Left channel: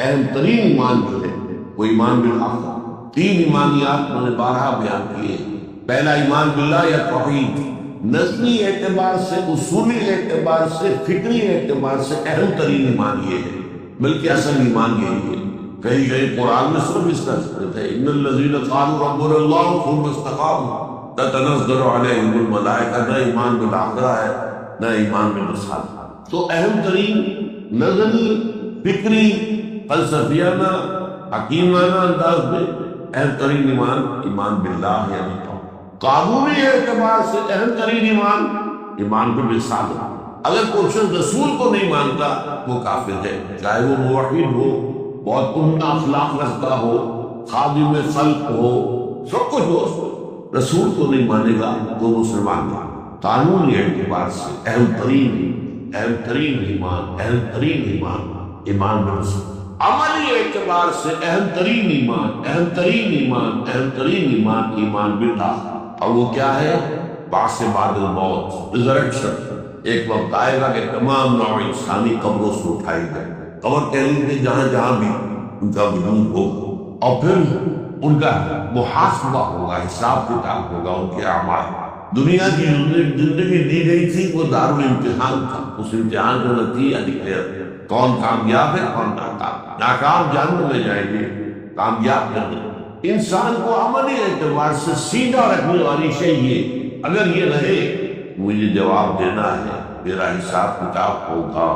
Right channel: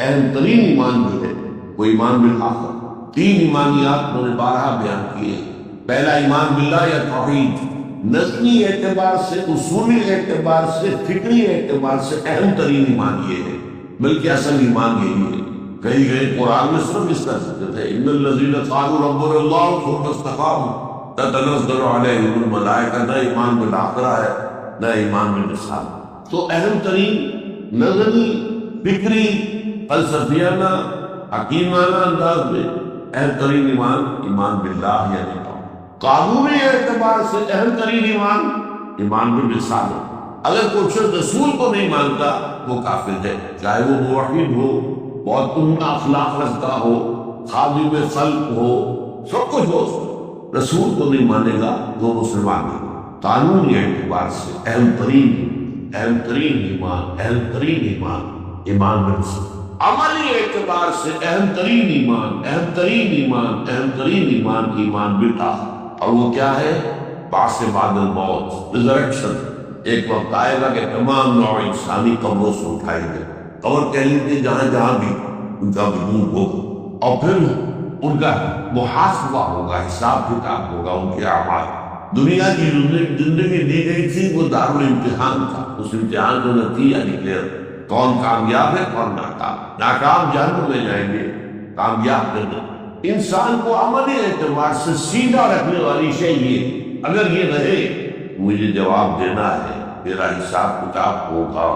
اہم ترین ایمان جو ہے وہ ایمان بالآخرہ۔ تین ایمانیات میں نے بارہا بیان کیے۔ پہلا ایمان باللہ یا توحید، نظری اعتبار سے، اصولی اعتبار سے، فکری اعتبار سے اہم ترین ایمان یہ ہے، بلکہ اصل ایمان یہی ہے۔ کئی قرآن میں صرف اس کا ذکر ہے، ان الذین قالوا ربنا اللہ ثم استقاموا تتنزل علیہم الملائکہ۔ نہ ایمان بالآخرہ ہے، نہ ایمان بالرسالہ۔ تو اہم ترین نظری، فکری، فلسفیانہ، حکیمانہ انداز میں اہم ترین ایمان ایمان باللہ یعنی توحید۔ قانونی اعتبار سے اہم ترین ایمان ایمان بالرسالہ۔ اگر کوئی شخص رسول کو نہیں مانتا وہ کافر ہے، چاہے وہ موحد ہو، بہت عمدہ اخلاق رکھتا ہو، خادم خلق ہو، سب کچھ ہو، اس میں رسول کو نہیں مانے گا وہ مسلمان نہیں۔ قانونی اعتبار سے اہم ترین ایمان ایمان بالرسول۔ عملی اعتبار سے اہم ترین ایمان ایمان بالآخرہ۔ اور وہ کیا ہے؟ بعث بعد الموت، ریزریکشن۔ ایک وقت آئے گا کہ تمام نوع انسانی قبروں سے اٹھائی جائے، قبر کہہ لیجیے جہاں جہاں بھی ان کا وجود ہوگا، اور پھر ان کا محاسبہ ہوگا، حساب کتاب ہوگا ان کے اعمال۔ دنیا کی زندگی دی گئی تھی وہ دارالامتحان تھا، اس امتحان کا نتیجہ نکلے کون کامیاب ہے کون ناکام۔ ناکام جہنم میں جائیں گے، کامیاب جنت۔ انسان کو عملی اعتبار سے سیدھا رکھنے والی شے یہ، اگر یہ رہے مجھے جواب دینا ہے، میرا حساب کتاب ہوگا،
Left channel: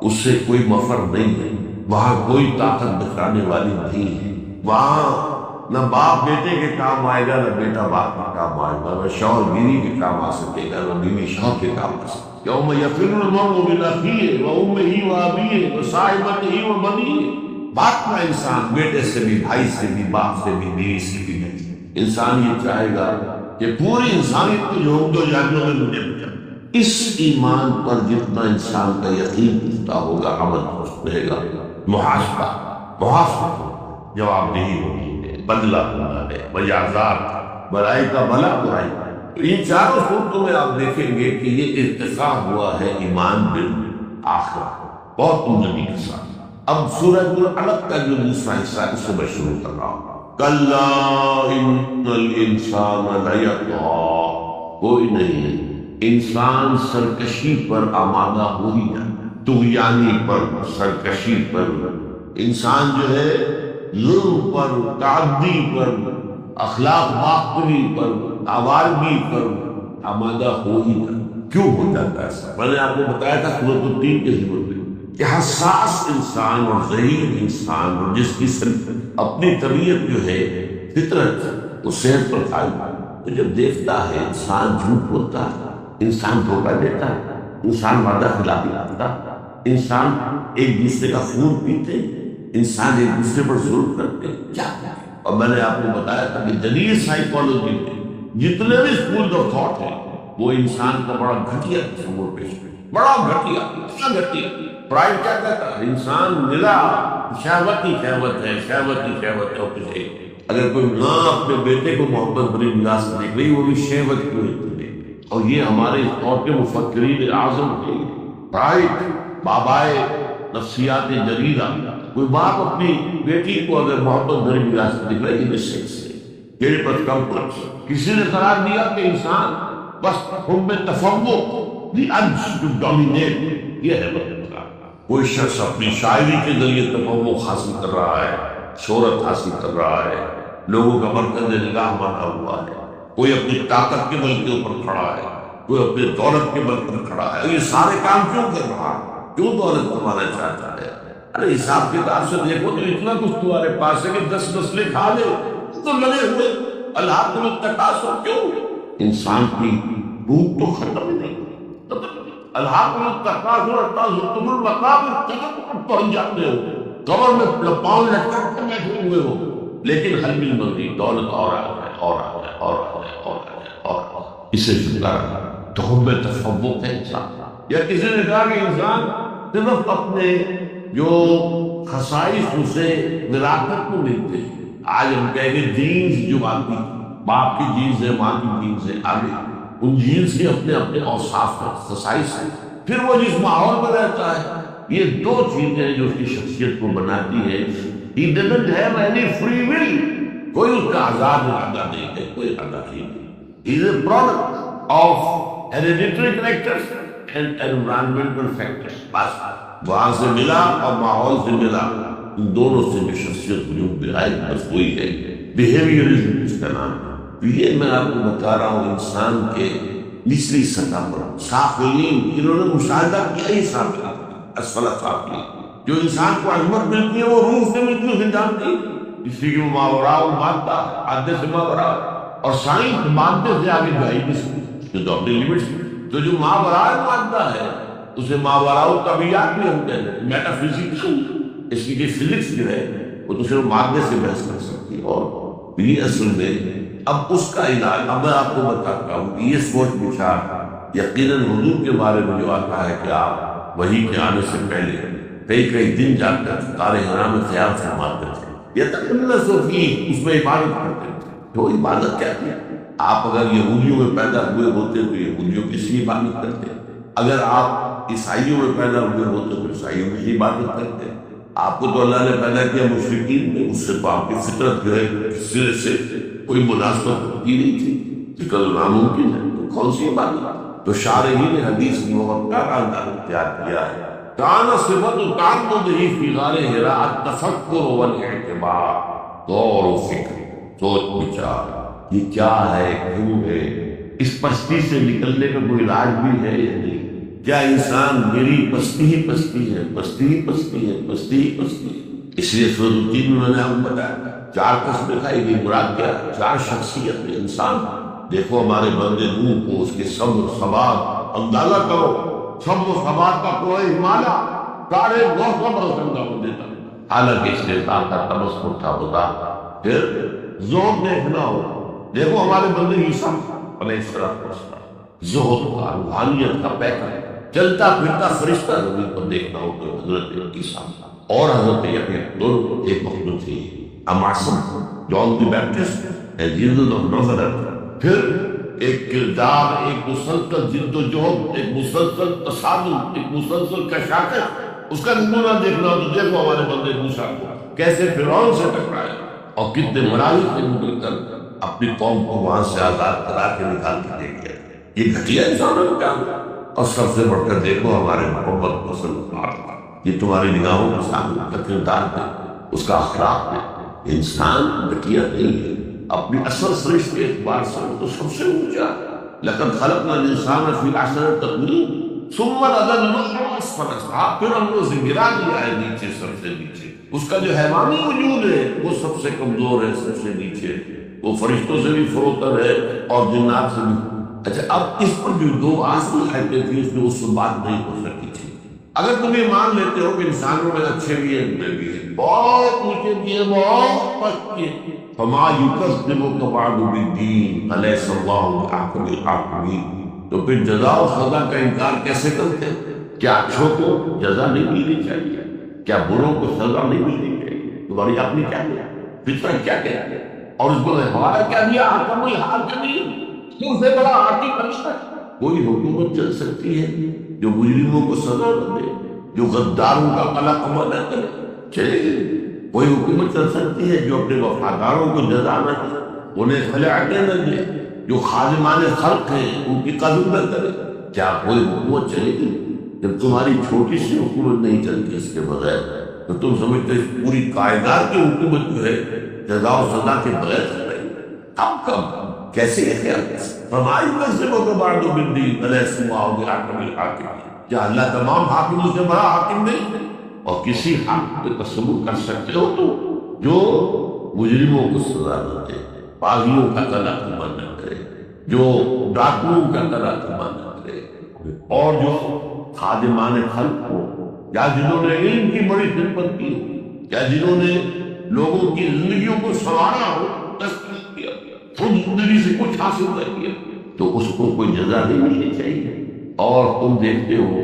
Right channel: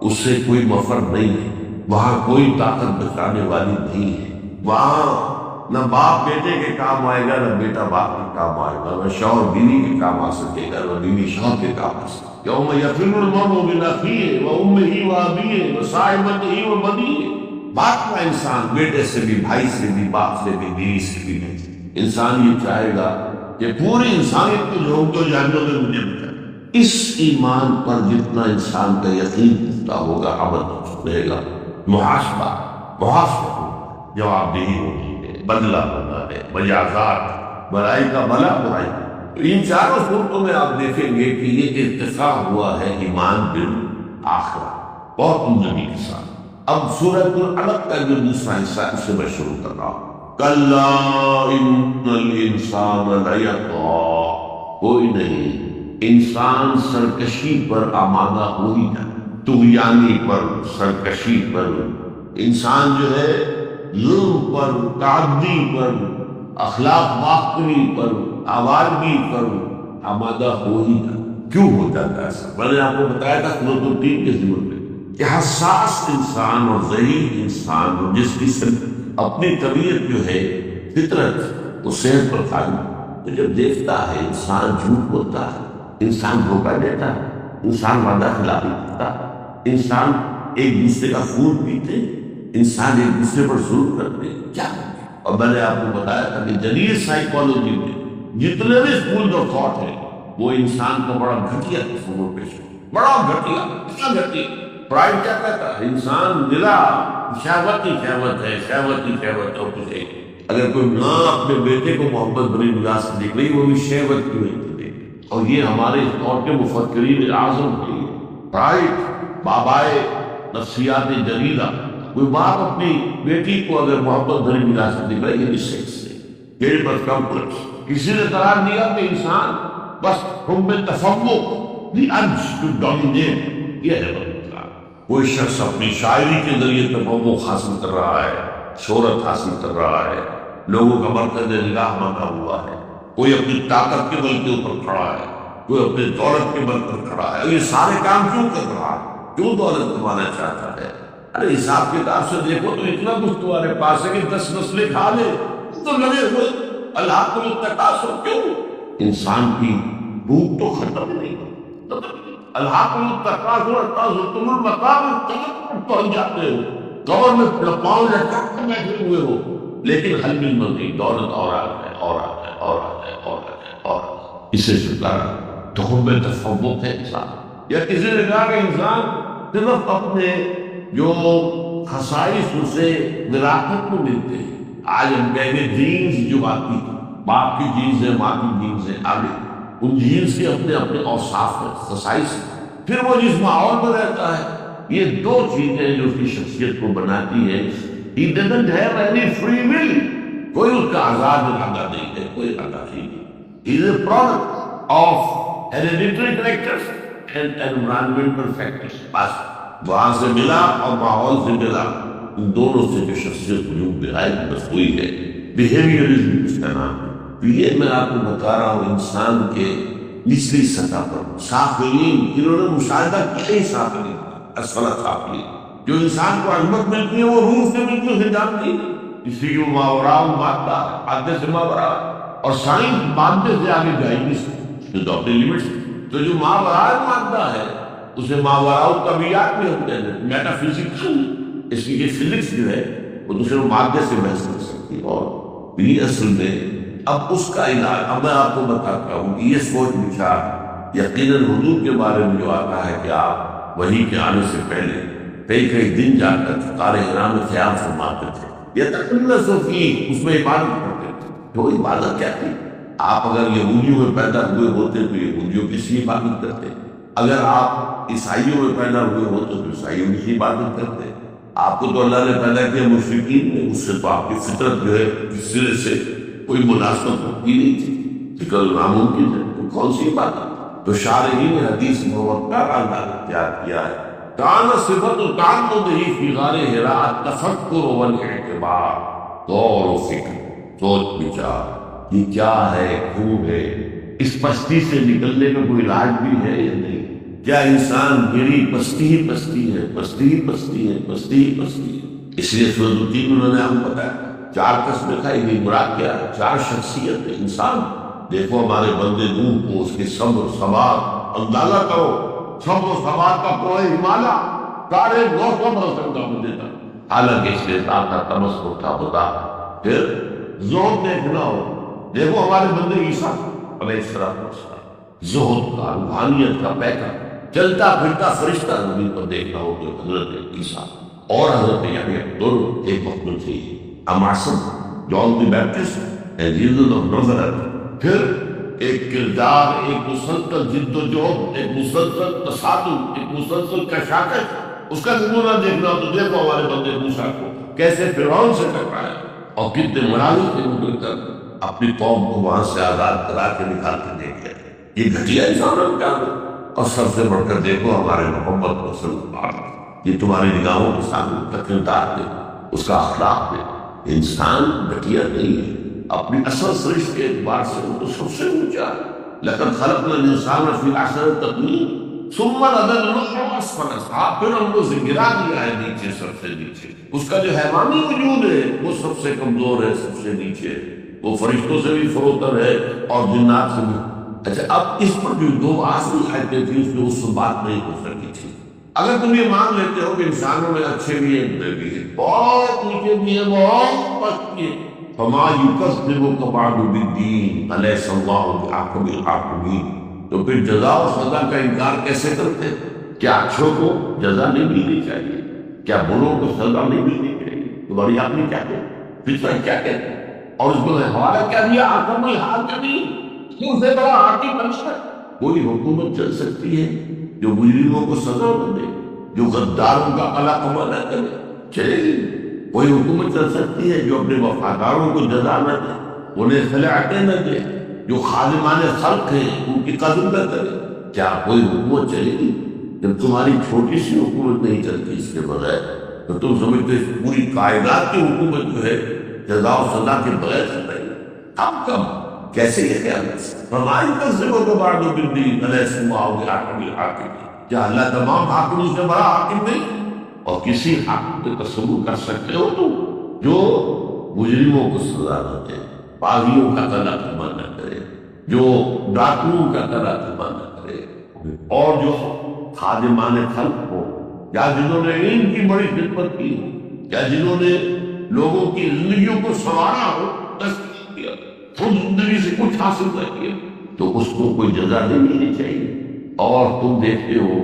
اس سے کوئی مفر نہیں ہے، وہاں کوئی طاقت بچانے والی نہیں ہے، وہاں نہ باپ بیٹے کے کام آئے گا، نہ بیٹا باپ کے کام آئے گا، نہ شوہر بیوی کے کام آ سکے گا، نہ بیوی شوہر کے کام آ سکے گا۔ یوم یفر المرء من اخیہ وامہ وابیہ وصاحبتہ وبنیہ۔ بھاگتا انسان بیٹے سے بھی، بھائی سے بھی، باپ سے بھی، بیوی سے بھی نہیں۔ انسان یہ چاہے گا کہ پوری انسانیت کو جھونک دو جہنم میں، مجھے بچا۔ اس ایمان پر جتنا انسان کا یقین پختہ ہوگا، عمل رہے گا، محاسبہ ہوگا، جواب دہی ہونی ہے، بدلہ ہونا ہے، مجازات، بھلائی کا بھلا، برائی کا۔ تو ان چاروں صورتوں میں آپ دیکھیں گے کہ یہ ارتقاء ہوا ہے ایمان بالآخرہ بہت عمدگی کے ساتھ۔ اب سورۃ العلق کا جو دوسرا حصہ ہے اس سے میں شروع کر رہا ہوں۔ کلا ان الانسان لیطغی، کوئی نہیں، انسان سرکشی پر آمادہ ہو ہی جائے، طغیانی پر، سرکشی پر۔ انسان جو ہے ظلم پر، تعدی پر، اخلاق باختری پر، آوارگی پر آمادہ ہو ہی جائے۔ کیوں ہو جاتا ہے ایسا؟ میں نے آپ کو بتایا تھا سورۃ التین کے ذمن میں کہ حساس انسان اور ذہین انسان، اور جس کی اپنی طبیعت جو ہے، فطرت، وہ صحت پر قائم، تو جب دیکھتا ہے انسان جھوٹ بولتا ہے، انسان دھوکہ دیتا ہے، انسان وعدہ خلافی کرتا ہے، انسان ایک دوسرے کا خون پیتے، انسان ایک دوسرے پر ظلم کرتے، کیا کرتے؟ اور میں نے آپ کو بتایا تھا کہ جدید سائیکالوجی میں جتنے بھی اسکول آف تھاٹ ہیں وہ انسان کا بڑا گھٹیا تصور پیش کرتے، بڑا گھٹیا، اتنا گھٹیا۔ فرائڈ کیا کہتا ہے؟ انسان نرا شہوت ہی شہوت ہے، اور کچھ ہے۔ اگر کوئی ماں اپنے بیٹے کو محبت بری نگاہ سے دیکھ رہی، وہ بھی شہوت کی وجہ سے۔ اور یہ ہمارے اس دور کے مفکرین اعظم تھے، فرائڈ، بابائے نفسیات جریدہ۔ کوئی باپ اپنی بیٹی کو اگر محبت بھری نگاہ سے دیکھ رہا ہے، یہ بھی سیکس ہے، یہ بس کمپلیکس۔ کسی نے قرار دیا کہ انسان بس حب تفوق، دی ارج ٹو ڈومینیٹ، یہ ہے بس۔ کوئی شخص اپنی شاعری کے ذریعے تفوق حاصل کر رہا ہے، شہرت حاصل کر رہا ہے، لوگوں کا مرکز نگاہ بنا ہوا ہے، کوئی اپنی طاقت کے بل کے اوپر کھڑا ہے، کوئی اپنی دولت کے بل پر کھڑا ہے۔ اور یہ سارے کام کیوں کر رہا ہے؟ کیوں دولت کمانا چاہتا ہے؟ ارے حساب کتاب سے دیکھو تو اتنا کچھ تمہارے پاس ہے کہ 10 نسلیں کھا لے، تو لگے ہوئے الہاکم التکاثر۔ کیوں؟ انسان کی بھوک تو ختم ہی نہیں ہوتی۔ الہاکم التکاثر حتی زرتم المقابر، قبر پر پہنچ جاتے ہو، قبر میں پاؤں لٹکا کر بیٹھے ہوئے ہو، لیکن حل من مزید، دولت اور آ جائے، اور آ جائے، اور آ جائے، اور آ جائے، اور آ جائے۔ اسے چھٹکارا تو حب تفوق ہے انسان۔ یا کسی نے کہا کہ انسان صرف اپنے جو خصائص اسے وراثت میں ملتے ہیں، آج ہم کہیں گے جینز جو آتی، باپ کی جینز ہے، ماں کی جینز ہے، آگے ان جینز کے اپنے اپنے اوصاف ہیں، خصائص ہیں۔ پھر وہ جس ماحول میں رہتا ہے یہ دو چیزیں جو اس کی شخصیت کو بناتی ہے. He doesn't have any free will. کوئی اس کا آزاد ارادہ نہیں ہے، کوئی ارادہ نہیں ہے. He is a product of hereditary characters and environmental factors. بس وہاں سے ملا اور ماحول سے ملا، ان دونوں سے جو شخصیت وجود میں آئی بس وہی ہے. بیہیویئرزم اس کا نام ہے. تو یہ میں آپ کو بتا رہا ہوں انسان کے نچلی سطح پر سافلین، انہوں نے مشاہدہ کیا ہی سافلین اسفل سافلین. جو انسان کو عظمت ملتی ہے وہ روح سے ملتی ہے، اسے جانتی ہے اس لیے کہ وہ ماوراء المادہ ہے، مادے سے ماوراء ہے. اور سائنس مادے سے آگے جائے گی جو تو اپنے لیمٹس. تو جو ماوراء المادہ ہے اسے ماوراء الطبیعیات بھی ہم کہتے ہیں، میٹا فزکس. اس لیے فزکس جو ہے وہ تو صرف مادے سے بحث کر سکتی ہے. اور یہ اصل میں اب اس کا علاج اب میں آپ کو بتاتا ہوں کہ یہ سوچ بچار یقیناً حضور کے بارے میں جو آتا ہے کہ آپ وحی کے آنے سے پہلے کئی دن جا کر غار حرا میں قیام فرماتے تھے، یا تقلص فیہ، اس میں عبادت کرتے تھے. تو عبادت کیا تھی؟ آپ اگر یہودیوں میں پیدا ہوئے ہوتے تو یہودیوں کی سی عبادت کرتے. اگر آپ عیسائیوں میں پیدا ہوئے ہوتے تو عیسائیوں کی سی عبادت کرتے. آپ کو تو اللہ نے پیدا کیا مشرکین میں، اس سے تو آپ کی فطرت جو ہے اس سرے سے کوئی مناسبت ہوتی نہیں تھی، لیکن ناممکن ہے تو کون سی عبادت؟ تو شارحین حدیث موقع انداز اختیار کیا ہے. کان صفت تعمدہ فی غار حراء التفکر والاعتبار، غور و فکر، سوچ بچار، یہ کیا ہے، کیوں ہے، اس پستی سے نکلنے کا کوئی علاج بھی ہے یا نہیں. کیا انسان میری پستی ہی پستی ہے، پستی ہی پستی ہے، پستی ہی پستی ہے. اس لیے سورۃ التین میں میں نے آپ کو بتایا 4 قسمیں کھائی گئی. مراد کیا ہے؟ 4 شخصیت ہے انسان. دیکھو ہمارے بندے نوح کو، اس کے صبر ثبات اندازہ کرو. صبر و ثبات کا کوئی ہمالیہ 950 برس تک دعوت دیتا، حالانکہ اس کے ساتھ کا تمسخر تھا. بتا پھر زہد دیکھنا ہو، دیکھو ہمارے بندے عیسیٰ علیہ السلام، زہد کا، روحانیت کا پیکر، چلتا پھرتا فرشتہ زمین پر دیکھنا ہو تو حضرت عیسیٰ اور حضرت یحییٰ دونوں ایک وقت میں تھے. معصوم جان دی بیپٹسٹ اینڈ جیسس آف نازریت. پھر ایک کردار، ایک مسلسل جد و جہد، ایک مسلسل تصادم، ایک مسلسل کشاکش. اس کا نمونہ دیکھنا ہو تو دیکھو ہمارے بندے موسیٰ کو کیسے فرعون سے ٹکرایا اور کتنے مراحل سے گزر کر اپنی قوم کو وہاں سے آزاد کرا کے نکال کے دے گیا. یہ گھٹیا انسانوں کا کام ہے. اور سب سے بڑھ کر دیکھو ہمارے محمد کو صلی اللہ علیہ وسلم، یہ تمہاری نگاہوں کے سامنے اس کا کردار دے، اس کا اخلاق دے. انسان گھٹیا نہیں ہے، اپنی اصل سرشت کے اعتبار سے وہ تو سب سے اونچا ہے. لقد خلقنا الانسان فی احسن تقویم ثم رددناه اسفل سافلین. پھر ہم نے اسے گرا دیا ہے نیچے، سب سے نیچے. اس کا جو حیوانی وجود ہے وہ سب سے کمزور ہے، سب سے نیچے. وہ فرشتوں سے بھی فروتر ہے اور جنات سے بھی. اچھا اب اس پر جو 2 آخری آیتیں تھیں اس میں اس سے بات نہیں ہو سکی تھی. اگر تم یہ مان لیتے ہو کہ انسانوں میں اچھے بھی ہیں برے بھی ہیں، بہت اونچے بھی ہیں بہت پست بھی ہیں، فما یکذبک بعد بالدین الیس اللہ باحکم الحاکمین. تو پھر جزا و سزا کا انکار کیسے کرتے؟ کیا اچھوں کو جزا نہیں ملنی چاہیے؟ کیا بروں کو سزا نہیں ملنی چاہیے؟ تمہاری اپنی کیا کہتی، فطرت کیا کہتی ہے؟ اور اس کو حوالہ کیا دیا؟ حکم الحاکمین، کیوں سے بڑا حاکم بنتا ہے؟ کوئی حکومت چل سکتی ہے جو مجرموں کو سزا نہ دے، جو غداروں کا قلقمہ نہ کرے؟ چلے گی. کوئی حکومت چل سکتی ہے جو اپنے وفاداروں کو جزا نہ دے، انہیں خلعتیں نہ دے، جو خادمان خلق ہیں ان کی قدر نہ کرے؟ کیا کوئی حکومت چلے گی؟ جب تمہاری چھوٹی سی حکومت نہیں چلتی اس کے بغیر تو تم سمجھتے اس پوری کائنات کی حکومت جو ہے جزا و سزا کے بغیر چل رہی ہے؟ کب کیسے یہ خیال کر سکتے؟ فما یکذبک بعد بالدین الیس اللہ باحکم الحاکمین. کیا اللہ تمام حاکموں سے بڑا حاکم نہیں ہے؟ اور کسی حاکم پہ تصور کر سکتے ہو تو جو مجرموں کو سزا نہ دے، باغیوں کا تلقمہ نہ کرے، جو ڈاکوؤں کا تلقمہ نہ کرے، اور جو خادمان خلق ہو، یا جنہوں نے علم کی بڑی خدمت کی ہو، یا جنہوں نے لوگوں کی زندگیوں کو سنوارا ہو، تسلیم کیا، خود زندگی سے کچھ حاصل نہ کیا، تو اس کو کوئی جزا نہیں ملنی چاہیے. اور تم دیکھتے ہو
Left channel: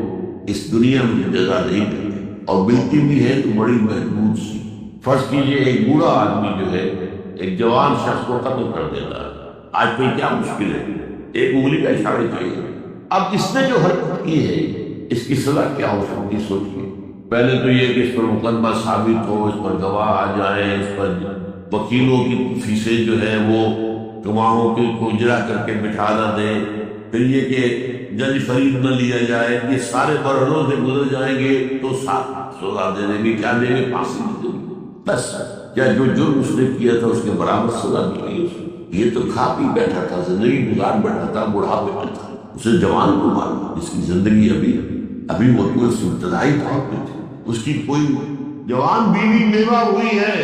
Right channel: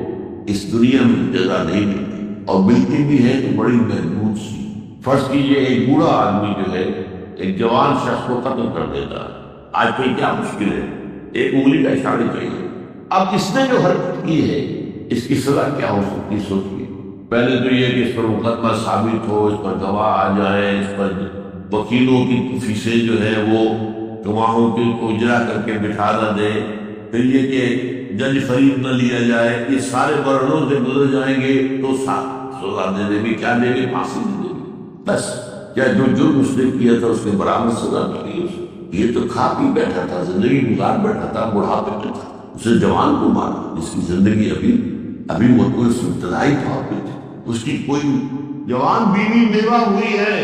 اس دنیا میں جزا نہیں ملتی، اور ملتی بھی ہے تو بڑی محدود سی. فرض کیجئے ایک بوڑھا آدمی جو ہے ایک جوان شخص کو قتل کر دیتا ہے. آج کل کیا مشکل ہے، ایک انگلی کا اشارہ ہی چاہیے. اب اس نے جو حرکت کی ہے اس کی سزا کیا ہو سکتی ہے؟ سوچئے. پہلے تو یہ کہ اس پر مقدمہ ثابت ہو، اس پر گواہ آ جائیں، اس پر وکیلوں کی فیسیں جو ہے وہ گواہوں کو اجرا کر کے بٹھا نہ دیں، پھر یہ کہ جج فرید نہ لیا جائے، یہ سارے مرحلوں سے گزر جائیں گے تو سزا دے دیں گے، کیا دیں گے؟ پھانسی دے دیں گے بس۔ کیا جو جرم اس نے کیا تھا اس کے برابر سزا مل گئی اسے؟ یہ تو کھا پی بیٹھا تھا، زندگی گزار بیٹھا تھا، بڑھاپے میں تھا، اسے جوان کو مارا جس کی زندگی ابھی وہ تو ابتدائی طور پہ تھی، اس کی کوئی جوان بیوی بیوہ ہوئی ہے،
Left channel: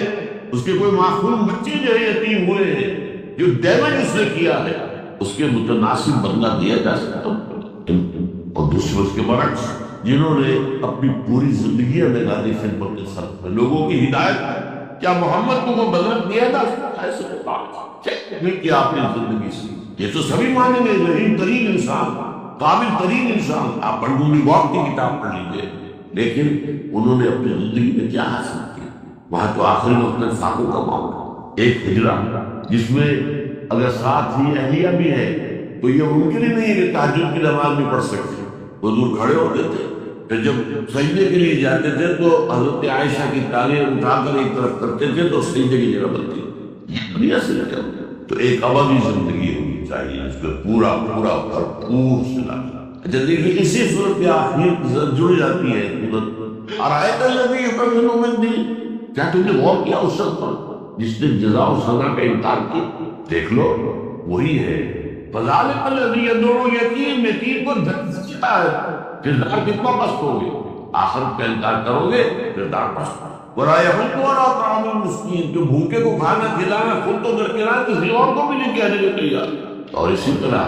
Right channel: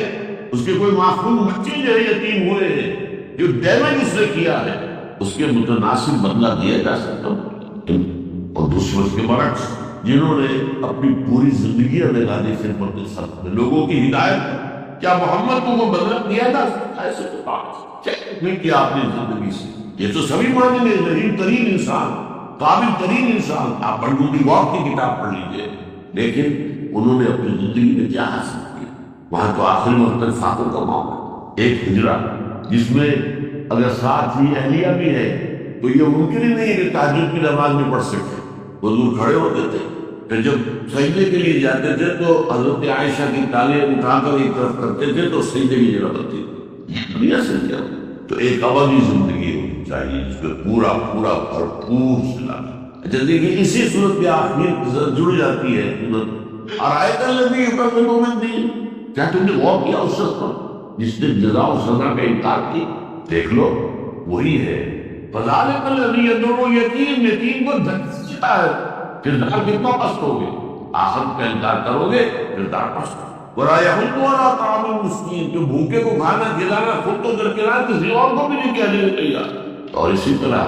اس کے کوئی معصوم بچے جو ہے یتیم ہوئے ہیں، جو ڈیمیج اس نے کیا ہے اس کے متناسب بدلہ دیا جا سکتا۔ اور دوسرے اس کے برعکس جنہوں نے اپنی پوری زندگیاں لگا دی خدمت کے سر میں لوگوں کی ہدایت پر، کیا محمد کو وہ بدلہ دیا جا سکتا ہے؟ ایسے نہیں کیا اپنی زندگی سے، یہ تو سبھی مانیں گے، رحیم ترین انسان، قابل ترین انسان، آپ بنڈونی واق کی کتاب پڑھ لیجئے، لیکن انہوں نے اپنی زندگی میں کیا حاصل کیا؟ وہاں تو آخری وقت تک فاقوں کا معاملہ، ایک حجرہ جس میں اگر ساتھ ہی اہلیہ بھی ہے تو یہ ممکن ہی نہیں ہے کہ تہجد کی نماز بھی پڑھ سکے، حضور کھڑے ہوتے تھے، پھر جب سجدے کے لیے جاتے تھے تو حضرت عائشہ کی ٹانگیں اٹھا کر ایک طرف کرتے تھے تو سجدے کی جگہ بنتی تھی، یہ دنیا سے لیا۔ تو ایک ابدی زندگی ہونی چاہیے جس میں پورا بھرپور صلہ۔ اچھا دیکھیے اسی صورت کے آخر کے ساتھ جڑ جاتی ہے صورت ارائیت الذی یکذب بالدین، کیا تم نے غور کیا اس شخص پر جس نے جزا و سزا کا انکار کیا؟ دیکھ لو وہی ہے، فذلک الذی یدعو الیتیم، یتیم کو دھکیتا ہے، کردار کتنا پست ہوگے، آخرت کا انکار کرو گے کردار پست۔ وَلَا يَحُضُّ عَلَىٰ طَعَامِ الْمِسْكِينِ، جو بھوکے کو کھانا کھلانا خود تو درکنار کسی اور کو بھی نہیں کہنے کے تیار۔ اور اسی طرح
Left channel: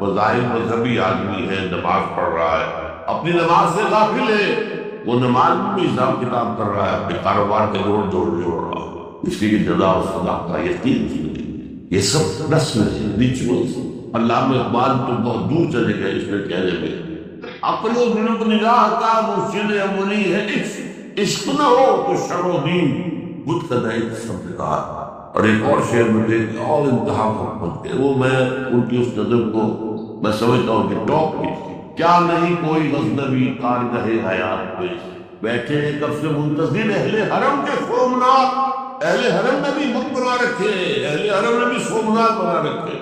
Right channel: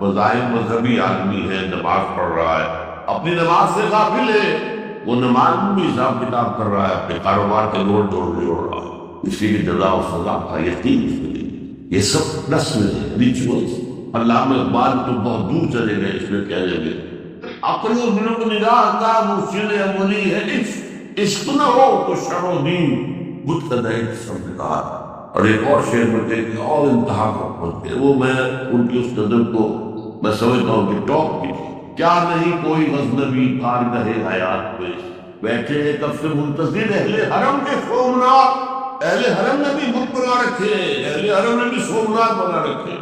بظاہر مذہبی آدمی ہے، نماز پڑھ رہا ہے، اپنی نماز سے غافل ہے، وہ نماز میں بھی حساب کتاب کر رہا ہے، اپنے کاروبار کے جوڑ رہا ہے، اس کی جزا و سزا کا یقین اس میں نہیں۔ یہ سب رسم ہے، ریچولز۔ علامہ اقبال تو بہت دور چلے گئے اس میں کہنے میں، عقل و ذوق نگاہ کا مرشد عملی ہے عشق، عشق نہ ہو تو شر و دین بت قدائی سب نکار۔ اور ایک اور شعر میں کہ اور انتہا کو پہنچ گئے، وہ میں ان کی اس نظم کو میں سمجھتا ہوں کہ ٹاپ کی، کیا نہیں کوئی غزنوی کارگہ حیات پہ بیٹھے ہیں کب سے منتظر اہل حرم کے سومنات، اہل حرم نے بھی بت بنا رکھے، اہل حرم نے بھی سومنات بنا رکھے۔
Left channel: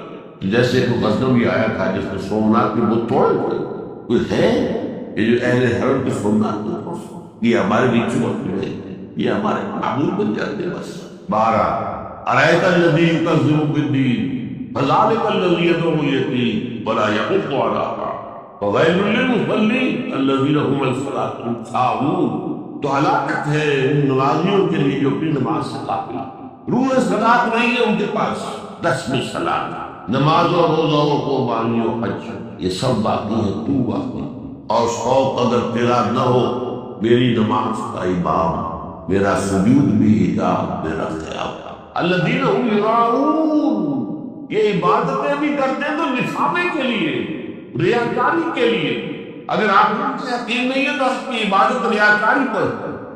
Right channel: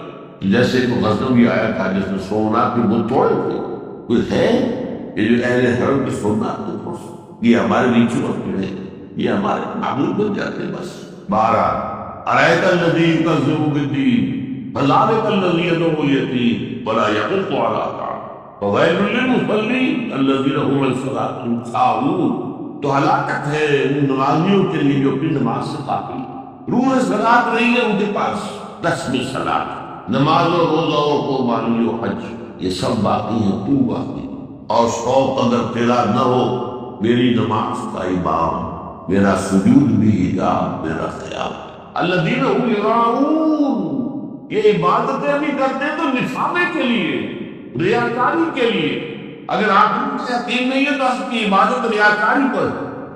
جیسے کوئی غزنوی آیا تھا جس نے سومنات کے بت توڑے تھے، کوئی ہے یہ جو اہل حرم کے سومنات کو توڑ سکتے؟ یہ ہمارے ریچول جو ہے یہ ہمارے معبود بن جاتے ہیں بس۔ بہرحال ارأیت الذی یکذب بالدین فذلک الذی یدعو الیتیم ولا یحض علی طعام فویل للمصلین الذین هم عن صلاتهم ساہون۔ تو ہلاکت ہے ان نمازیوں کے لیے جو اپنی نماز سے غافل، روح صلاۃ نہیں ہے ان کے پاس، رسم صلاۃ، نماز و روزہ و قربانی و حج یہ سب باقی ہیں، تو باقی۔ اور شوق اگر تیرا نہ ہو میری نماز کا امام، میرا سجود بھی حجاب، میرا قیام۔ الذین هم یراؤون، یہ عبادتیں بھی کرتے ہیں تو نکھاوے کے لیے، ریاکاری کے لیے۔ اگر آپ کو یقین نہیں ہے تو آپ کی عبادت ریاکاری پر۔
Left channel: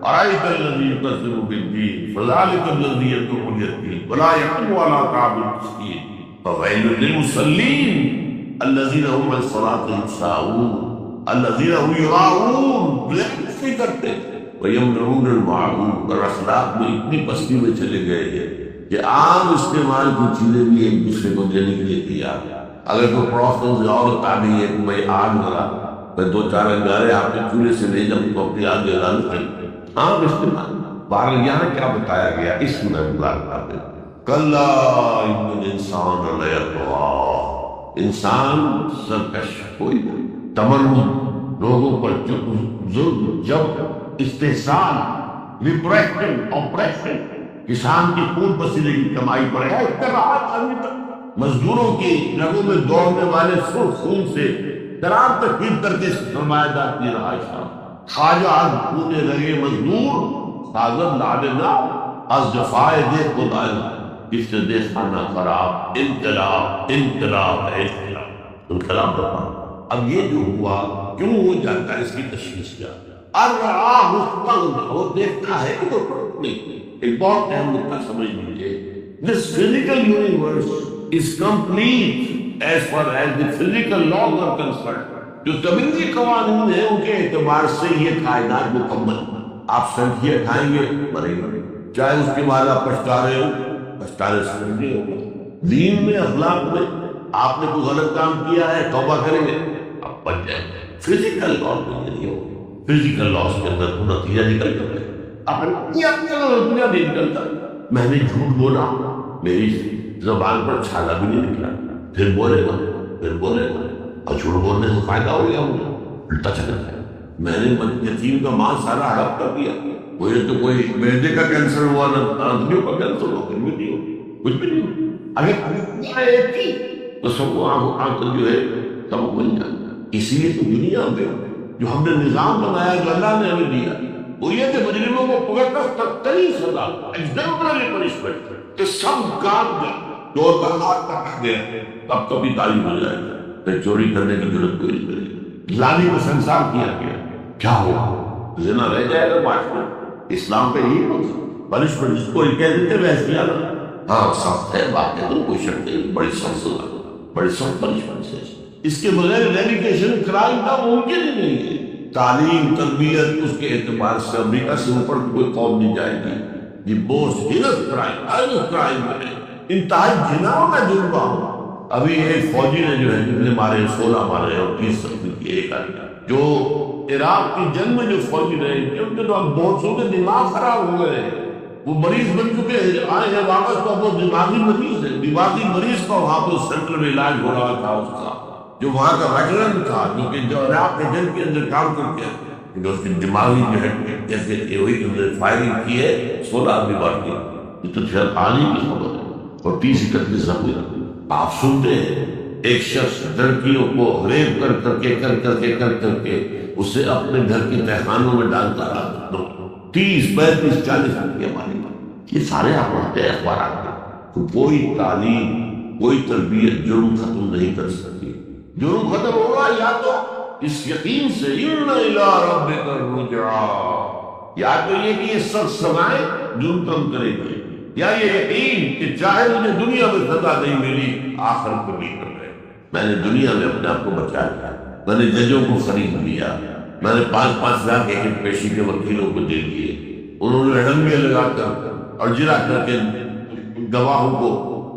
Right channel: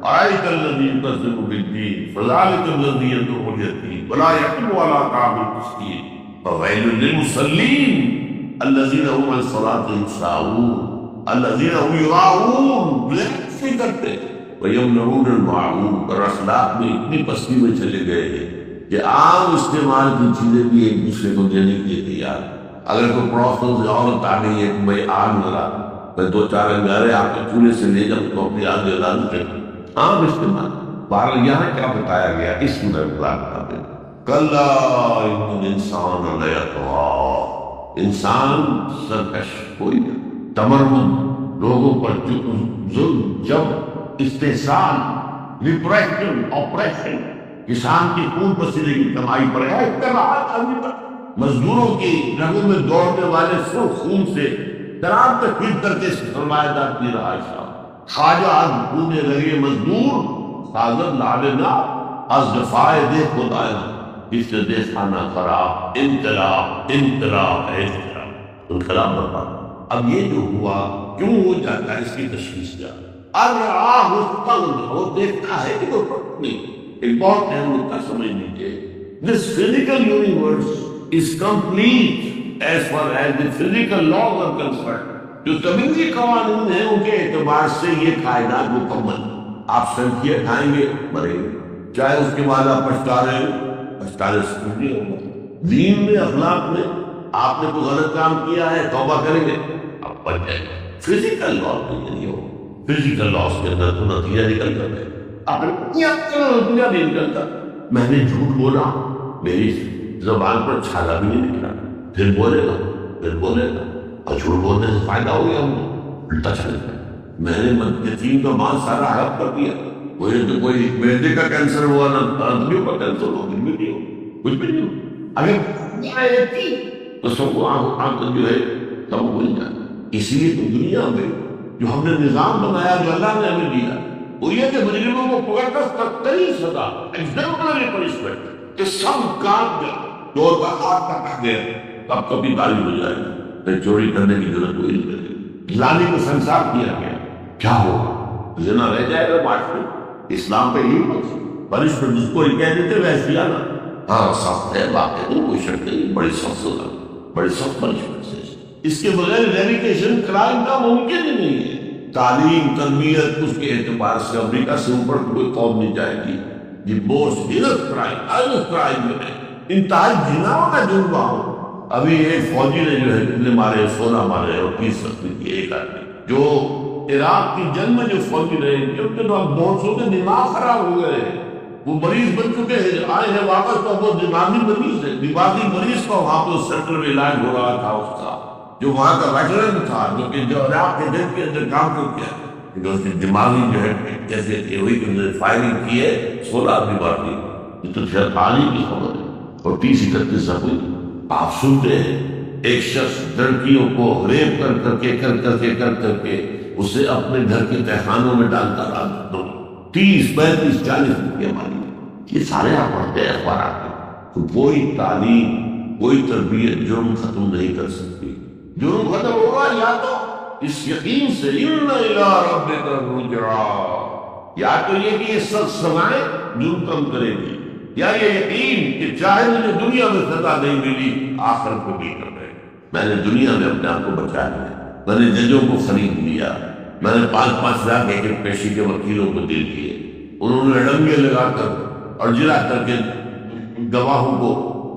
ارأیت الذی یکذب بالدین فذلک الذی یدعو الیتیم ولا یحض علی طعام المسکین فویل للمصلین الذین هم عن صلاتهم ساہون الذین هم یراؤون، ریاکاری کرتے، وَيَمْنَعُونَ الْمَعْرُوفَ، اور اخلاق میں اتنی پستی میں چلے گئے ہیں کہ عام استعمال کی چیزیں بھی ایک دوسرے کو دینے کے لیے تیار۔ اگر کوئی پڑوسوں سے عورت آ گئی ہے کہ بھائی آگ ذرا میں 2-4 انگارے آپ کے چولہے سے لے جاؤں تو اپنی آگ جلا لوں، عام استعمال۔ بہرحال یہاں کیا بتایا گیا اس سورہ مبارکہ میں، کَلَّا إِنَّ الْإِنسَانَ لَيَطْغَىٰ، انسان سرکش ہوئی گا، تمرد لوگوں پر ظلم، جب استحصال، ریپریشن، آپریشن، کسان کی خون پسینے کی کمائی پر ہے، اتباعات آدمی پر، مزدوروں کی رگوں میں دوڑنے والے سرخ خون سے شراب تخفیف کر کے سرمایہ دار کی رہائش، خواجہ از خون رگے مزدور سازد لعلنا از جفائے دے خدایا، اس سے دے خانہ خراب، انقلاب انقلاب انقلاب انقلاب برپا۔ اب یہ جو ہوا کیوں ہو جاتا ہے اس کی تشخیص کیا؟ الرعاہ استغنى، وہ دیکھتا ہے کہ وہ فرق نہیں۔ ایک بہت اہم نکتہ سمجھ لیجیے، this physical universe is complete as far as the physical laws are concerned۔ جو طبیعی قوانین ہیں ان کے اعتبار سے یہ کائنات مکمل، آپ سنکھیاں کھائیں گے مریں گے، چاہے اس کے بعد آپ پچھتانے سے کچھ نہیں ہوگا۔ دین میں اخلاق میں آپ نے کوئی غلط کام کیا ہے، توبہ کریں گے آپ بچ جائیں گے۔ فزیکل لاس میں یہ نہیں ہوگا، فزیکل لاس کے اندر تو نتیجہ نکل کر رہے نتیجہ نہیں نکلتا۔ میں نے جھوٹ بولا، میری زبان پر چھالا بھی نہیں نکلا، پھر بولے گا اور جھوٹ بولنے سے فائدہ ہو گیا، مجھے الٹا چل گیا۔ میں نے یتیم کا مال سارا ہڑپ کر دیا، مجھے تو کوئی معدے کا کینسر ہوا نہ آنتڑیوں کا کینسر ہوا، کچھ بھی نہیں ہو، کچھ بھی نہیں ہو۔ اگر ایک تھی تو سب کو آنکھ جو ہے سب کو مل جائے۔ اسی لیے تو دنیا میں جو ہم نے نظام بنایا، جو اللہ نے ہمیں دیا، وہ یہ کہ مجرموں کو پکڑ کر ترین سزا، ایگزامپلری پنشمنٹ، کہ سب کام جائے، چور کا ہاتھ کٹا گیا تب کبھی تعلیم ہو جائے گا، پھر چوری کرنے کی ضرورت کوئی نہیں کرے گی۔ زانی کو سنسار کیا گیا، کیا ہوگا؟ زنا رہ جائے گا معاشرے میں۔ اسلام پہ یہی پنشمنٹ جس کو کہہ دیتے وحشیانہ، ہاں سخت ہے واقعی، کوئی شک نہیں، بڑی سخت سزا، بڑی سخت پنشمنٹ ہے۔ اس کے بغیر ریلیکیشن کرائم کا ممکن ہی نہیں ہے۔ تعلیم تربیت اس کے اعتبار سے امریکہ سے اوپر کوئی قوم نہیں جائے گی۔ یہ موسٹ ہینس کرائم جو ہے، انتہائی گھناؤنا جرم ہو۔ ابھی ایک فوجی نے جو ہے کتنے مارے، 16 مارے اور 30 زخمی کیے ایک آدمی، جو عراق کی جنگ میں جو فوجی رہے ان کے تو اب بہت سو کے دماغ خراب ہو گئے ہیں، وہ مریض بن چکے ہیں، آئے ہیں واپس تو وہ دماغی مریض ہے، دماغی مریض کا وہاں پہ سینٹر میں علاج ہو رہا تھا اس کا، جو وہاں کا ویٹرن تھا، جو عراق کے جنگ کے اندر کام کر کے جو اس کی دماغی جو ہے کیسے ہوئی کہ انہوں نے فائرنگ کی ہے، 16 آدمی مار دی۔ یہ تو شاید حال ہی کی خبر ہے، اور 30-31 زخمی۔ آپ سنتے ہیں ایک شخص لڑکیوں کو ریپ کر کے اسے اپنے گھر کے تہخانوں میں ڈالتا رہا، 30-35-40 روپیہ مانی۔ یہ سارے آپ پڑھتے ہیں اخبارات میں۔ تو کوئی تعلیم، کوئی تربیت جرم ختم نہیں کر سکتی۔ جرم ختم ہوگا یا تو اس یقین سے اِنَّ إِلَىٰ رَبِّكَ الرُّجْعَىٰ، یا تو یہ کہ یہ سخت سزائیں جرم کم کرے گی، یا یہ یقین کہ چاہے مجھے دنیا میں سزا نہیں ملی آخرت میں بھی کر رہے۔ میں نے دنیا میں اپنے آپ کو بچا لیا، میں نے ججوں کو خرید لیا، میں نے 5-5 لاکھ ایک پیشی کے وکیلوں کو دے دیے، انہوں نے ڈنگے لگا کر اور جرا کر کے گواہوں کو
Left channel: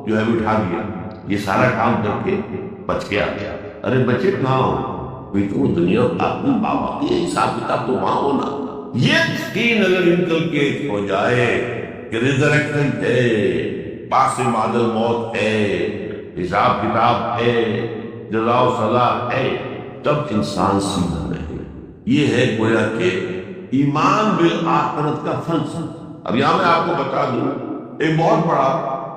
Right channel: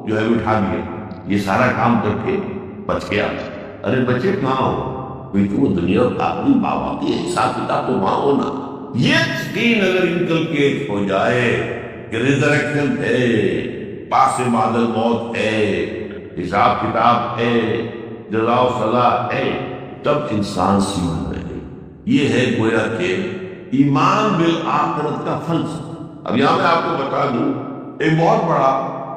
جو ہے بٹھا دیا۔ یہ سارا کام کر کے بچ گیا۔ ارے بچے کہاں ہو؟ کوئی تو وہ دنیا اپنی بابا کی حساب کتاب تو وہاں ہونا۔ یہ یقین اگر انکلکیٹ ہو جائے کہ ریزریکشن ہے، پاس بعد الموت ہے، حساب کتاب ہے، جزا و سزا ہے، تب انسان سیدھا رہے۔ یہ ہے گویا کہ ایمان بالآخرت کا فلسفہ۔ اب یہاں میں آپ کو بتا دوں، ایک بہت بڑا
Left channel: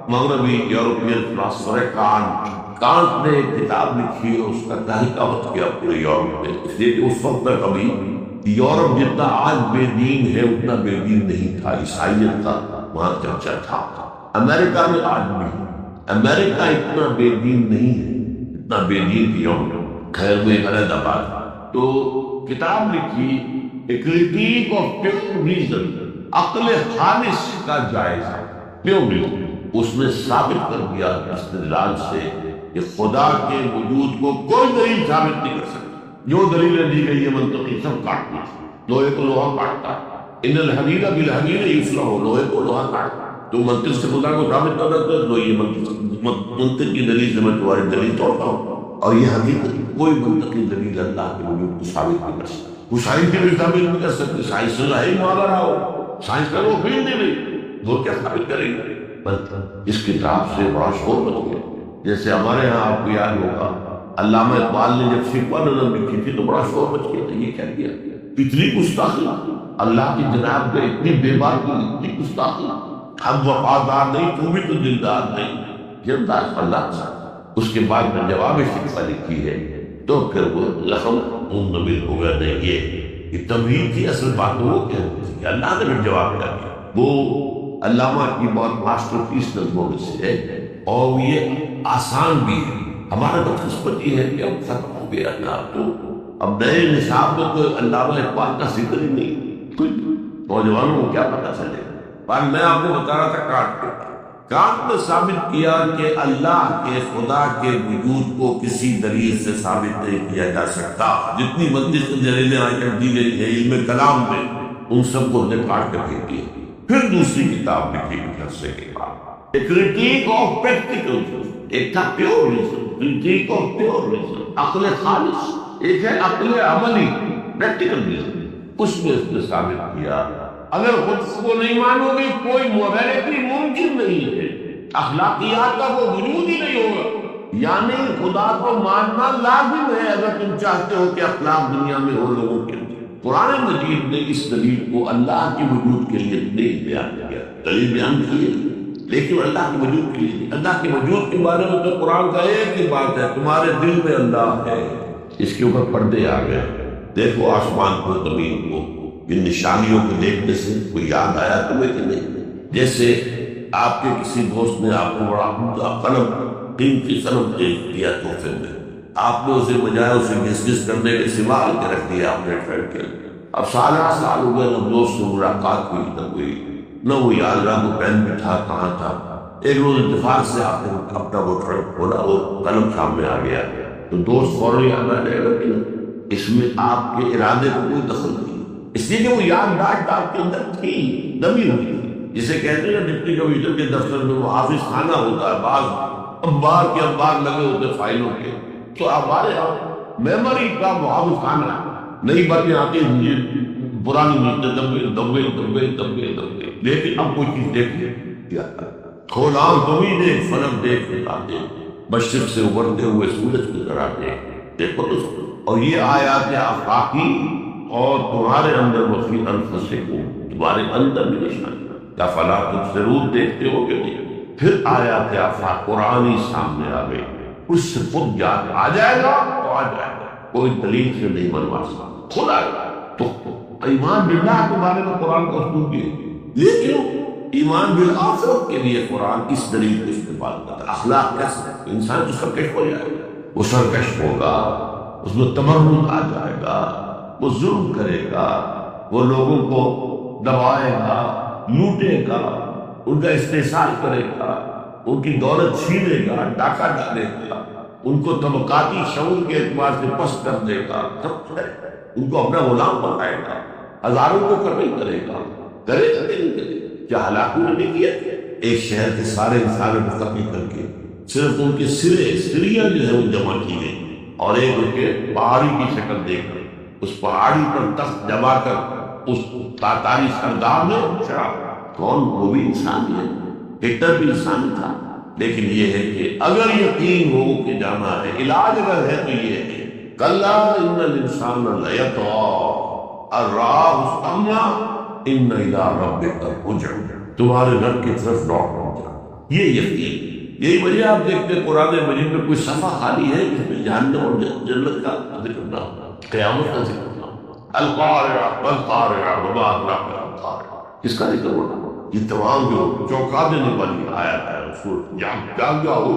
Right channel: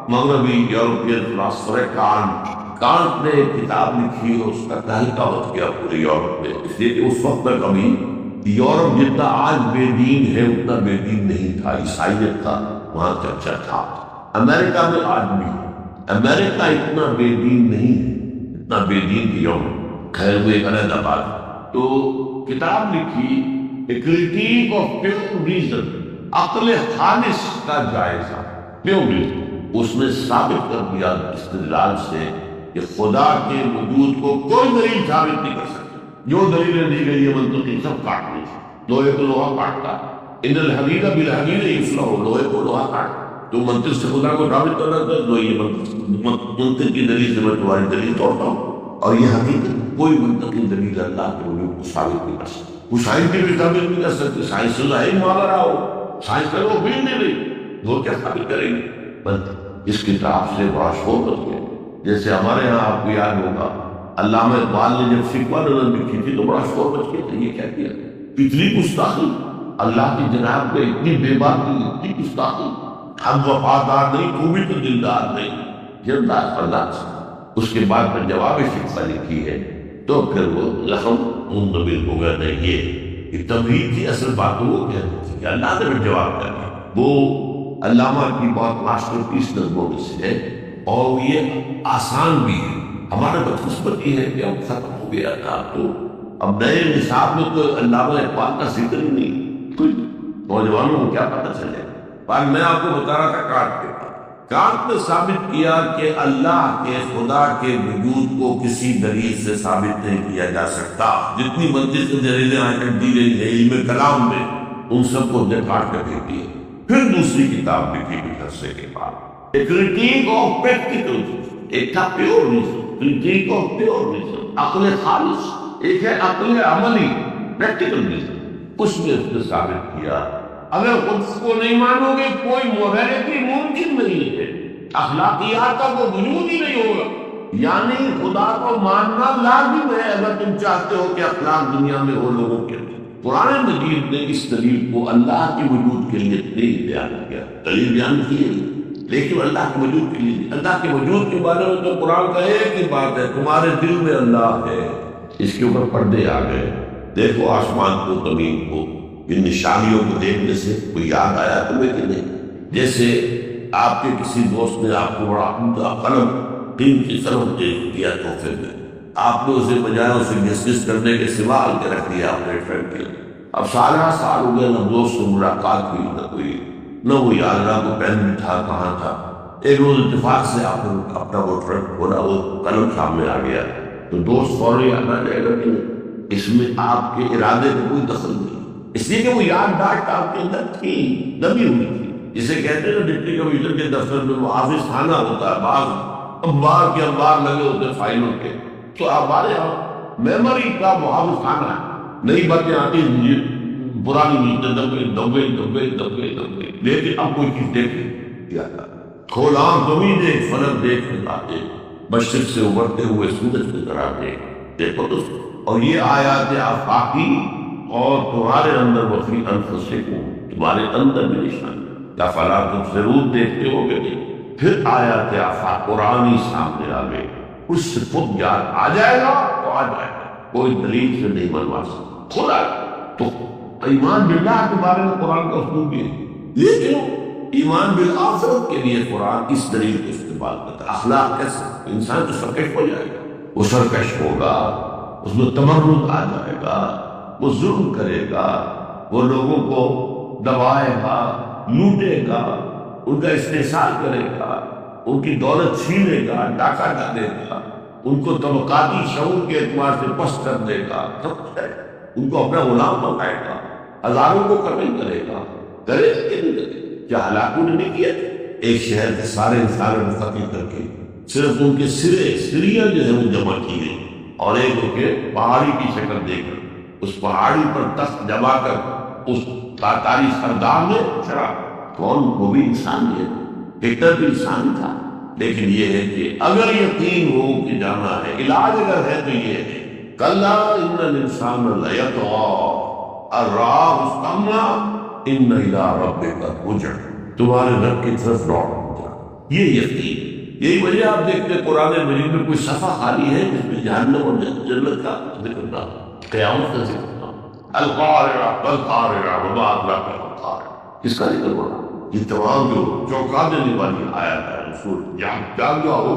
مغربی یورپین فلاسفر ہے کانٹ نے ایک کتاب لکھی اور اس کا تحقیقات کیا پورے یورپ میں، اس لیے کہ اس وقت تک ابھی یورپ جتنا آج بے دین ہے اتنا بے دین نہیں تھا، عیسائیت کا وہاں چرچا تھا۔ امریکہ میں آج بھی امریکہ اتنا بے دین نہیں ہے، اتنا بے دین کی یورپ، خیر وہ ایک علیحدہ بات۔ تو کتاب لکھی اے کرٹیک آف پیور ریزن، عقل خالص کا جائزہ، پیور ریزن۔ اس نے ثابت کر دیا استدلال سے کہ خدا کے وجود کو کوئی دلیل ثابت نہیں کر سکتی۔ جو دلیلیں دی گئی ہے منطقی سب کاٹتی ہیں، لوہے کو لوہا کاٹتا ہے، ان الحدید بالحدید یفلح، لوہے کو لوہا کاٹتا۔ تو منطق سے خدا کو ثابت کرنا ہے تو یہ منطق کی دلیل سے میں تمہاری دلیل توڑتا ہوں، اور یہ حقیقت کوئی منطقی دلیل اللہ کے وجود کو ثابت نہیں کر سکتی۔ وہ سائنس کی بھی ثابت نہیں کر سکتی، سائنس سے ظاہر ماورا ہو، سائنس کا وہ فیلڈ نہیں رہی، وہ کیا ثابت کریں گے؟ اس کتاب سے بڑا شور مچ گیا۔ جیسے ہمارے ہاں آپ کو یاد ہوگا علامہ اقبال نے جب شکوہ نظم لکھی تھی تو بڑا شور مچ گیا تھا، یہ کیا کیا، اتنی گستاخی اللہ کی جناب میں، اتنی بے باکی، اتنی گستاخی، ہم وفادار نہیں، تو بھی تو دلدار نہیں، یہ انداز اللہ سے۔ اس کے بعد میں جواب شکوہ لکھی ہے تو پھر وہ زخم منمل ہو گیا۔ نہیں، یہ تمہید تھی، اصل بات تو وہ کہہ رہی تھی کہ اللہ نے پھر جواب کیا دیا۔ وہ علامہ کی بہت ماسٹر پیس نظموں میں سے ہے، اور یہ آسان بھی ہے۔ ہمارا بدقسمت یہ ہے کہ اب ختم ہو گیا تھا، اب تو اب نئے نصاب میں کوئی علامہ اقبال کا ذکر ہی نہیں، کوئی نوجوانوں کو کیا پتہ چلے۔ پر میں آپ کو بتا رہا تھا کانٹ نے ثابت کیا کہ اللہ کے، خدا کے وجود کو کسی دلیل سے ثابت نہیں کیا جا سکتا۔ جتنی منطق کی دلیلیں آج تک دی گئی ہیں علم کلام میں، ان سب کو نے کاٹ کے پھینک دیا. پھر دوسری کتاب لکھی کچھ عرصے کے بعد، اے کریٹیک آف پریکٹیکل. ایک تھا pure reason, critique of pure reason, عقل خالص. ایک ہے عقل عملی، پریکٹیکل ریزن. اس میں اس نے ثابت کیا اگر خود کو نہیں مانو گے کوئی موریلٹی ممکن نہیں ہے، اخلاقیات کا کوئی وجود ہی نہیں ہوگا. یعنی خدا کو ماننا لازم ہے اگر تم چاہتے ہو کہ اخلاق دنیا میں ہو لوگوں کے لیے. قرآن مجید نے اس دلیل کو اللہ کے وجود کے لیے نہیں بیان کیا، دلیل بیان کی ہے لیکن اللہ کے وجود کے لیے نہیں. اللہ کے وجود کے بارے میں تو قرآن کا ایک ہی بات ہے، تمہارے دل میں اللہ ہے. اس کے اوپر پردے آ گئے. دیکھو آسمان کو، زمین کو، ان نشانیوں کو دیکھنے سے کوئی یاد آیا تمہیں کہ نہیں؟ جیسے آپ کے کسی دوست نے آپ کو بڑا عمدہ قلم، قیمتی قلم دے دیا تحفے میں، آپ نے اسے بجائے اسے گس گس کرنے کے سوال کے رکھ دیا اپنے فرینڈ کے. اب سال ہو گئے، نہ دوست سے ملاقات ہوئی، نہ کوئی، نہ وہ یاد رہا کو پین بھی تھا کہاں تھا. ایک روز اتفاق سے آپ نے اپنا وہ فرینڈ کھولا، وہ قلم سامنے آ گیا تو دوست فوراً یاد آ جائے گا کہ نہیں؟ اس میں آپ کے ارادے کو کوئی دخل نہیں، اس لیے کہ وہ یادداشت آپ کے اندر تھی، دبی ہوئی تھی. جسے کہتے ہیں نا ڈپٹی کمشنر کے دفتر میں وہ حافظ خانہ ہوتا ہے، بعض انبار کے انبار لگے ہوتے فائلوں کے، تو ہمارے یہاں میموری کا وہ حافظ خانہ ہے. نئی باتیں آتی ہیں، پرانی نیتیں دبے، لیکن اب کوئی چیز دیکھی کیا کھول آنکھ زمین دیکھ، فلک دیکھ، خدا دیکھ، مشرق سے ابھرتے ہوئے سورج کی طرح دیکھو تو. اور یہ آیات آفاقی اور تمہارے اندر وفی انفسکم، تمہارے اندر بھی نشانیاں، یا فلا تبصرون، دیکھتے ہو گے نہیں. پھر آیات آفاق قرآنی سامنے آ گئے، اس سے خود یاد آ جائے گا تو آ جائے گا، کوئی دلیل سے نہیں منوا سکتا، خود آئے گا. تو ایمان باللہ کے بارے میں قرآن کا اسلوب بھی ہے، لیکن ایمان بالآخرت کے لیے قرآن اس دلیل کو استعمال کرتا ہے. اخلاق کیسے؟ انسان تو سرکش ہو جائے گا، وہ سرکش ہوگا، اس میں تمرد آ جائے گا، وہ ظلم کرے گا، وہ لوگوں کو دبائے گا، لوٹے گا، ان کا استحصال کرے گا، ان کی دولت چھینے گا، ڈاکہ ڈالے گا، ان کو طبقاتی شعور کے اعتبار سے پست کر دے گا، سب کچھ کرے گا، ان کو اپنا غلام بنائے گا، ہزاروں کو قتل کرے گا. کرے گا کہ نہیں کرے گا؟ کیا ہلاکو نے نہیں کیا؟ ایک شہر کے سارے انسانوں کو قتل کر کے صرف ان کے سریاں جو ہیں وہ جمع کی گئی، اور ایک ان کے پہاڑی کی شکل دے کر اس پہاڑی پر تخت جما کر اس تاتاری سردار نے چڑھا. کون؟ وہ بھی انسان ہے، ہٹلر بھی انسانی تھا. لیکن یہ ہے کہ اگر یقین ہو کہ جانا ہے، علاج اگر ہے تو یہ ہے کلا ان الانسان لیطغی ان رآہ استغنی ان الی ربک الرجع، تمہارے رب کی طرف لوٹ جا. یہ یقین، یہی وجہ آپ دیکھتے ہیں قرآن مجید میں کوئی صفحہ خالی ہے جس میں جہنم اور جنت کا ذکر نہ ہو، قیامت کا ذکر نہ ہو. القارعہ والقارعہ وما ادراک ما القارعہ، اس کا ذکر ہو رہا. یہ تمام جو چونکا دینے والی آیات ہے، رسول جاگ جاؤ.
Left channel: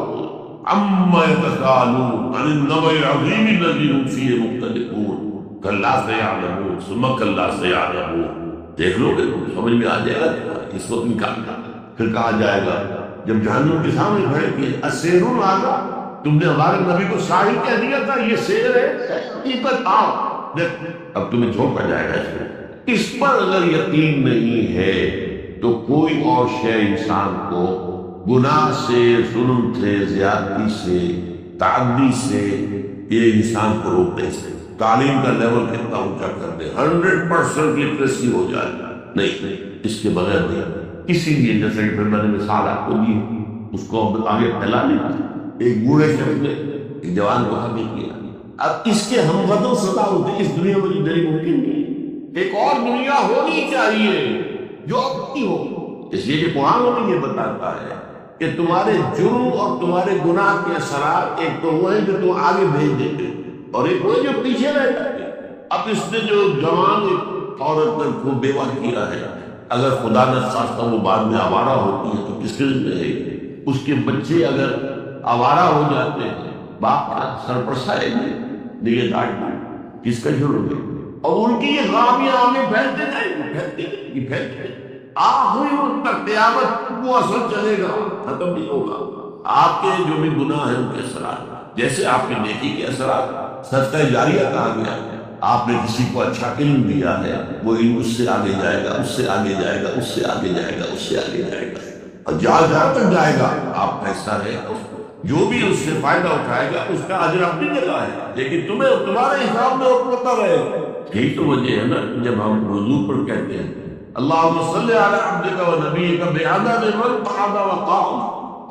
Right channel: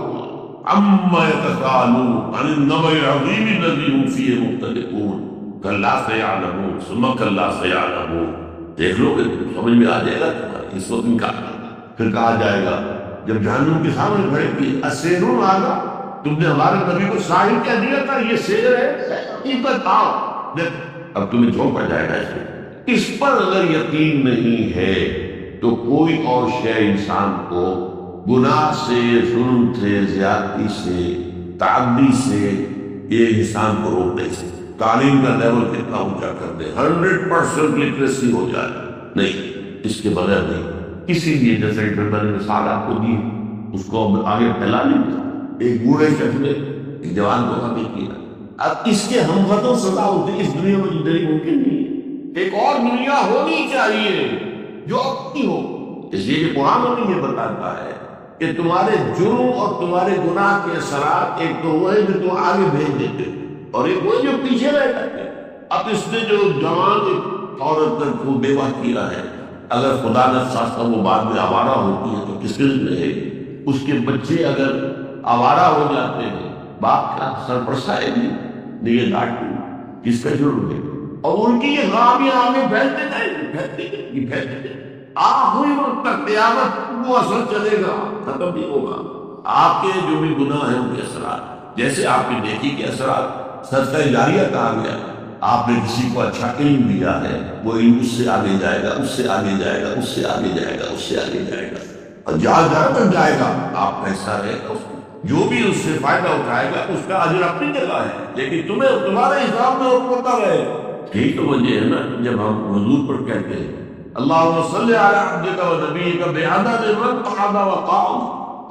عما یتساءلون عن النبأ العظیم الذی هم فیہ مختلفون کلا سیعلمون ثم کلا سیعلمون. دیکھ لو گے سمجھ میں آ جائے گا تمہارے. اس وقت انکار کرنا، پھر کہا جائے گا جب جہنم کے سامنے کھڑے کیے، اسیر آگا، تم نے ہمارے نبی کو ساحر کہہ دیا تھا، یہ سیر ہے، حقیقت آؤ دیکھ. اب تمہیں جھونکا جائے گا اس میں. اس پر اگر یقین نہیں ہے تو کوئی اور شے انسان کو گناہ سے، ظلم سے، زیادتی سے، تعدی سے یہ انسان کو روک نہیں سکتا. تعلیم کا لیول کتنا اونچا کر دے، 100% لٹریسی ہو جائے، نہیں، اس کے بغیر نہیں. اسی لیے جیسا کہ پھر میں نے مثال آپ کو دی، اس کو آگے پھیلا لی. ایک بوڑھے شخص نے ایک جوان کو قتل کیا. اب اس کے ہم وطن سزا ہوتے اس دنیا میں زندگی ممکن نہیں ہے. ایک اور دنیا ہونی چاہیے جو اپنی ہو. اس لیے کہ قرآن ہمیں یہ بتاتا ہے کہ تمہارے جرم اور تمہارے گناہ کے اثرات ایک تو وہ ہیں جو تم آگے بھیج دیتے اور ایک وہ جو پیچھے رہ جاتے. اب اس نے جو جوان ایک عورت کو بیوہ کیا ہے، اگر خدا نہ خواستہ وہ بعد میں آوارہ ہوتی ہے تو کس کے ذمہ ہے؟ اس کے بچے اگر آوارہ ہو جاتے ہیں، باپ کا سرپرست ہے نہیں، نگہداشت نہیں، کس کا جرم ہے؟ اور ان کی یہ غامیاں آگے پھیلتے جائیں گے، پھیلتے جائیں. آخری وقت تک قیامت وہ اثر چلے گا، ختم نہیں ہوگا. آپ کے جو بھی گناہ ہیں ان کے اثرات، جیسے آپ کے نیکی کے اثرات، صدقہ جاریہ کہا گیا، آپ نے کسی کو اچھا علم دیا ہے، وہ علم اس سے آگے جائے گا، اس سے آگے جائے گا، اس سے آگے جائے گا، اس سے آگے جائے گا، اور جہاں جہاں تک جائے گا آپ کا حصہ رہے گا اس میں۔ جو بھی اس سے فائدہ اٹھائے گا اس کا اجر اپنی جگہ ہے، لیکن تمہیں تمہارے حساب میں حکمت رہے گا۔ یہی تو وجہ ہے نا کہ جب ہم حضور پر کہتے ہیں اللہم صلی علی عبدک و نبیک بعدد من قعد وقام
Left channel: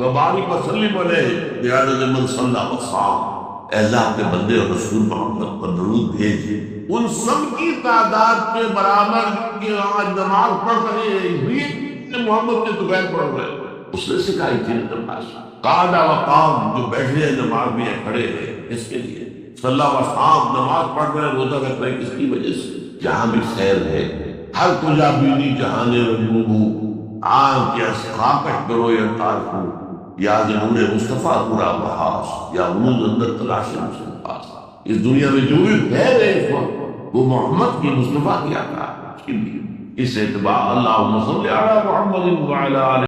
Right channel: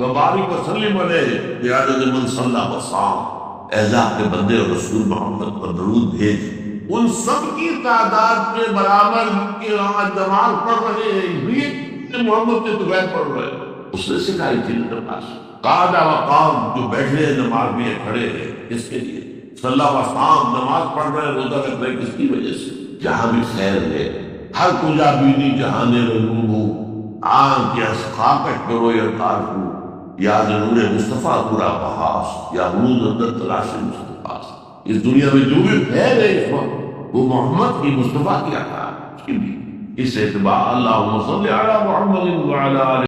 وبارک وسلم علیہ بعدد من صلی وصام، اے اللہ اپنے بندے اور رسول محمد پر درود بھیج ان سب کی تعداد کے برابر کے آج نماز پڑھ رہے ہیں، یہ محمد کے تو غیر پڑھ رہے ہیں، اس نے سکھائی تھی نا نماز۔ قعد وقام، جو بیٹھے ہیں نماز میں، کھڑے ہیں کس کے لیے؟ صلی وصام، نماز پڑھ رہے ہیں، روزہ رکھ رہے ہیں، کس کی وجہ سے؟ جہاں بھی خیر ہے، ہر کجا بینی جہان رنگوں ہوں، آنکھ یا خاکش کرو یا تارکو، یا نور مصطفیٰ پورا بحاس، یا غنود اندر تلاش مصطفیٰ۔ اس دنیا میں جو بھی خیر ہے اس وقت وہ محمد کی، مصطفیٰ کی عطا ہے، اس کی بھی۔ اس اعتبار اللہم صلی علی محمد وعلی آلہ